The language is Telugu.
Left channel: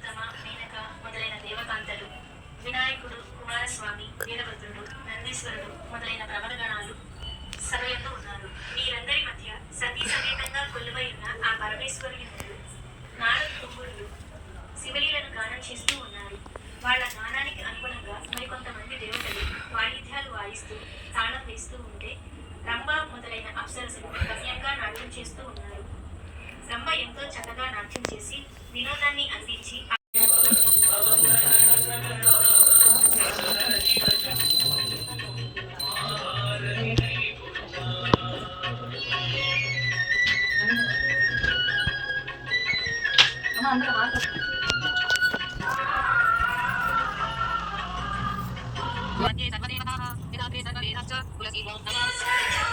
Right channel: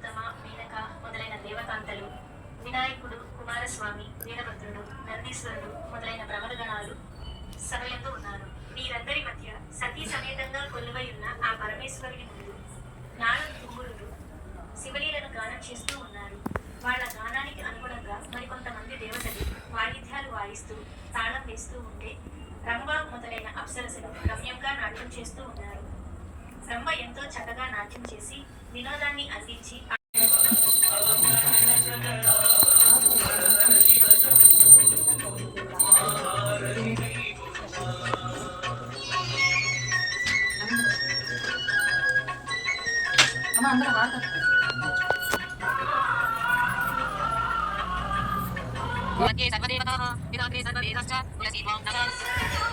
ఉత్తమ, మేనక మొదలైన దేవకాంతలు, వినాయకుడు, కుమారస్వామి, వీరభద్రుడు, నందీశ్వరుడు మొదలైన ప్రమదగణాలు సభయందు ఉన్నారు. వీరందరి మధ్య సతీ సమేతంగా కొలువై ఉన్న ఆ పరమేశ్వరుని ముందు నారద తుంగురులు శివలీలను గానం చేస్తూ ఉన్నారు. వాళ్ళ గానానికి అనుగుణంగా మరికొంతమంది దేవతలు వాయిద్యాలు వాయిస్తూ తాళం వేస్తూ ఉంటే రంభ మొదలైన అప్సరసలు రమ్యంగా నాట్యం చేస్తూ ఉన్నారు. బ్రహ్మ ఎంతో చక్కగా నాట్యం చేసి వినోదాన్ని అందించి सर्वदेवताः